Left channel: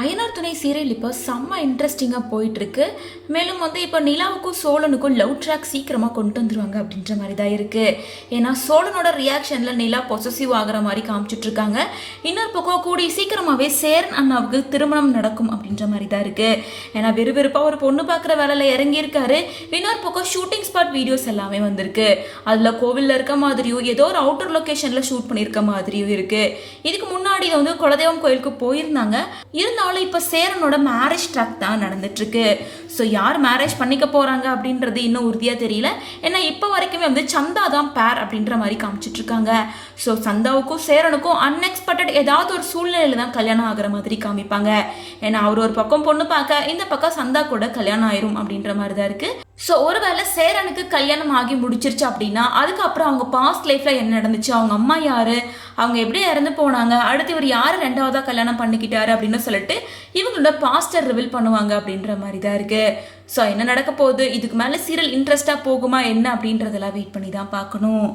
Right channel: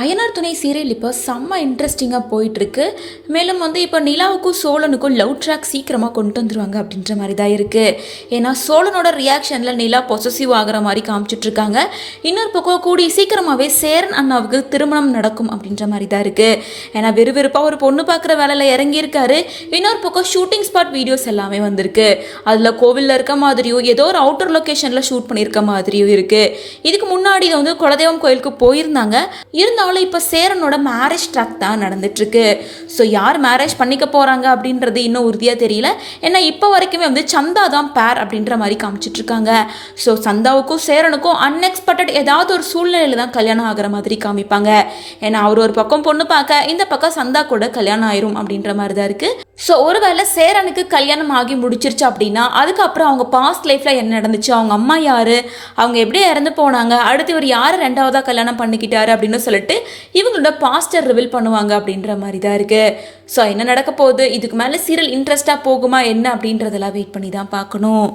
அயனார் துணை சீரியல் இப்போ செம்ம இன்ட்ரெஸ்டிங்காக போயிட்டுருக்கு. மேலும் இப்போ நிலாவுக்கும் சோழனுக்கும் லவ் ட்ராக் சீக்கிரமாக கொண்டு வந்துருவாங்க அப்படின்ற மாதிரி தான் இருக்குது. ஏன்னா சோழனோட ரியாக்ஷனில் நிலா பொசசிவ் ஆகிற மாதிரி காமிச்சிட்ருக்காங்க. இன்னொரு பக்கம் கூடி சீக்கிரமாகவே சேரன் அண்ணாவுக்கு திருமணம் நடக்கும் அப்படின்ற மாதிரி தான் இருக்குது. ஏன்னா விறுவிறுப்பாக ஒரு பொண்ணு பார்க்குற வேலையில் இறங்கியிருக்காரு. இன்னொரு பக்கம் ஷூட்டிங் ஸ்பாட் வீடியோஸ் எல்லாமே வந்திருக்கு. அதில் கோவிலில் இருக்க மாதிரியும் ஏதோ ஒரு அவுட்டர் லொக்கேஷனில் ஷூட் பண்ணியிருக்க மாதிரியும் இருக்குது. இதுக்கு முன்னாடி இதை குலதெய்வம் கோயிலுக்கு போயிருந்தாங்க. இருந்தாலும் இப்போ சேரனோட மேரேஜ் ட்ராக் தான் நடந்துட்டுருக்கு. ஸோ யார் மேரேஜ் பண்ணிக்க போகிறாங்க அப்படின்றது இன்னும் உறுதியாக தெரியல. ஏன்னா இப்போ வரைக்குமே சந்தா தான் பேர் அப்படின்ற மாதிரி காமிச்சிட்ருக்காங்க. ஸோ சந்தாவுக்கும் சேரனுக்கும் அன்எக்ஸ்பெக்டட் ஏதாவது ஒரு சூழ்நிலையில் தான் கல்யாணம் ஆகிற மாதிரி காமிப்பாங்க. ஏன்னா அவர் ஒரு பக்கம் பொண்ணு பார்க்க, இந்த பக்கம் சந்தா கூட கல்யாணம் ஆயிரும் அப்படின்ற மாதிரி தான் இருக்குது. ஸோ ஒருவேளை சேரனுக்கு கல்யாணம் ஆகி முடிச்சிருச்சு அப்படின்னா அதுக்கப்புறம் அவங்க பாஸ்ட் லைஃப்பில் என்ன நடந்துச்சு, அவங்க அம்மா யார், அவங்க எப்படி இறந்து போனாங்க, அடுத்து இவர் யார் ரெண்டாவதாக கல்யாணம் பண்ணிக்கிட்டாரு அப்படின்னு சொல்லிட்டு இவங்களோட பாஸ்டர் ரிவீல் பண்ணுவாங்க அப்படின்ற மாதிரி தான் இருக்குது. ஸோ என்ன நடக்க போகுது, இதுக்கு மேலே சீரியல் இன்ட்ரெஸ்டாக போகுமா என்ன அப்படின்றதெல்லாம் வெயிட் பண்ணி தான் பார்க்கணும்.